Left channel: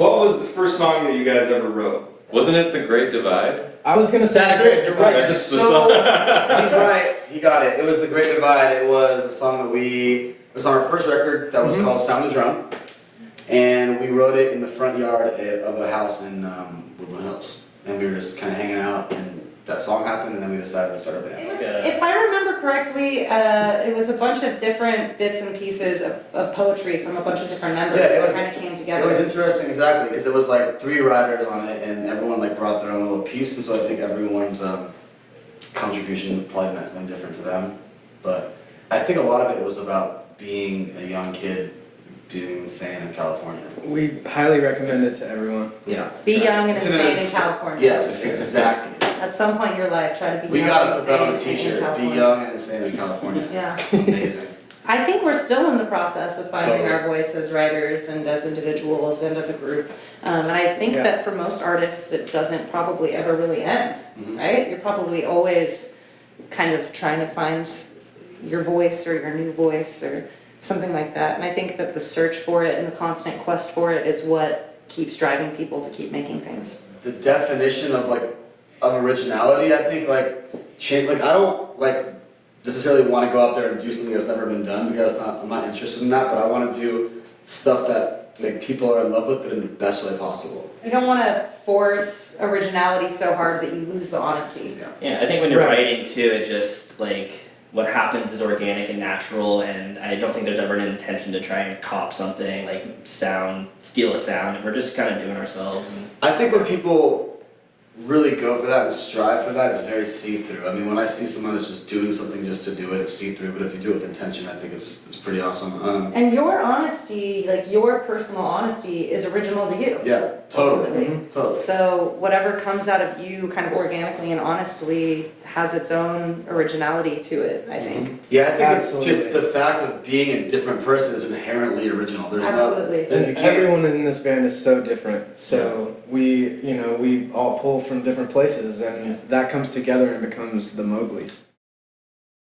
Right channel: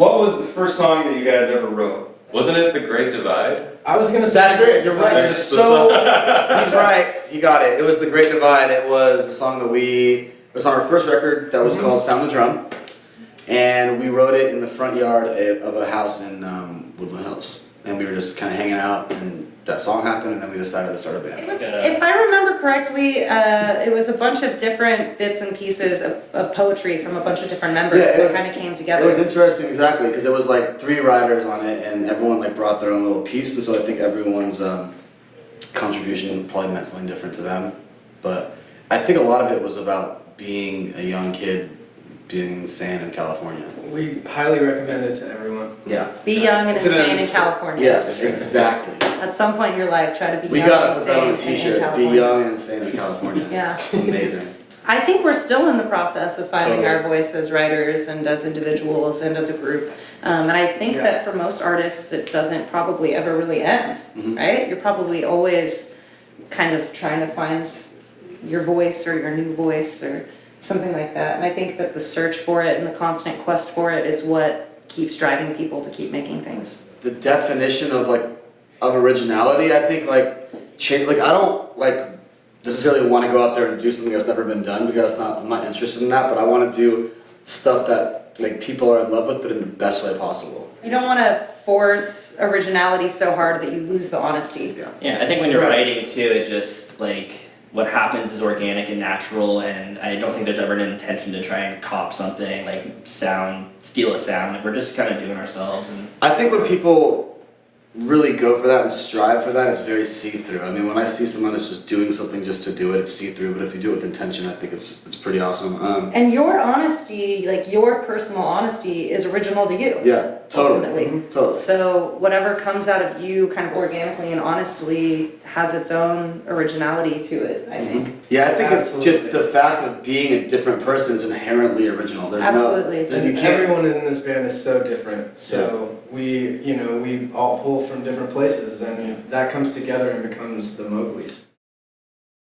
What was the first song that you guys ever wrote? Wasn't it The Great Divide? I was gonna say That's it, you're right. That's He's right. He got it. It was The Great Divide. It was a song that it was on our first record that was called Sound the Drum. And we wrote it in the front yard of a house in Woodland Hills. And we were just kind of hanging out, and that song happened, and then we decided to start a band. It was, if I remember correctly, it was a bunch of different bits and pieces of poetry from a bunch of different members, Yeah, so it kind of came together. It was interesting, exactly, because it was like 3 writers on it, and everyone like brought their own little piece, and so I think everyone's contribution probably meant something different to them. But I think a lot of it was about being a young kid, being insane in California. we highly recommend it to everyone. Yeah. Be young and To the- insane in California. Yes, exactly. At some point in your life, try to be We young gotta and put that on a insane in t-shirt, be California. young and insane in California. Yeah. Amazing. I think we're still in the process of finding Totally. our voice as writers and as individuals and as a group. And I think Yeah. that for most artists, it doesn't probably ever really end, Mhm. right? You're probably always kind of trying to find your voice or your new voice or something like that. And I think that the search for it and the constant quest for it is what keeps driving people to keep making things. The definition of originality, I think I don't necessarily want to go out there and do something that's never been done, because I'm not interested in that, but I want to do stuff that people are in love with, but in the best way possible. You don't want to force originality so hard that you lose the honesty. Yeah, I think when you're Right. writing too, it just what happens is organic and natural, and I don't think there's ever an intention to try and cop something, steal a sound. We're just kind of doing ourselves. And I think when people really go for that and strive for that, it's very see-through. I mean, when I see someone that's just doing something just to do it, it's see-through, but if you do it with intention, I think it's pretty awesome. And your honesty, your personal honesty, is original to you. Yeah, totally. Ultimately. Totally. So whatever comes out of you kind of organically and honestly has its own originality to it, I think. Yeah, I think Absolutely. it's just the fact of being a different person is inherently original. There's Absolutely. No, you And can't. everyone in this band is so different. So we all pull from different places, and that comes together and becomes the Mowglis.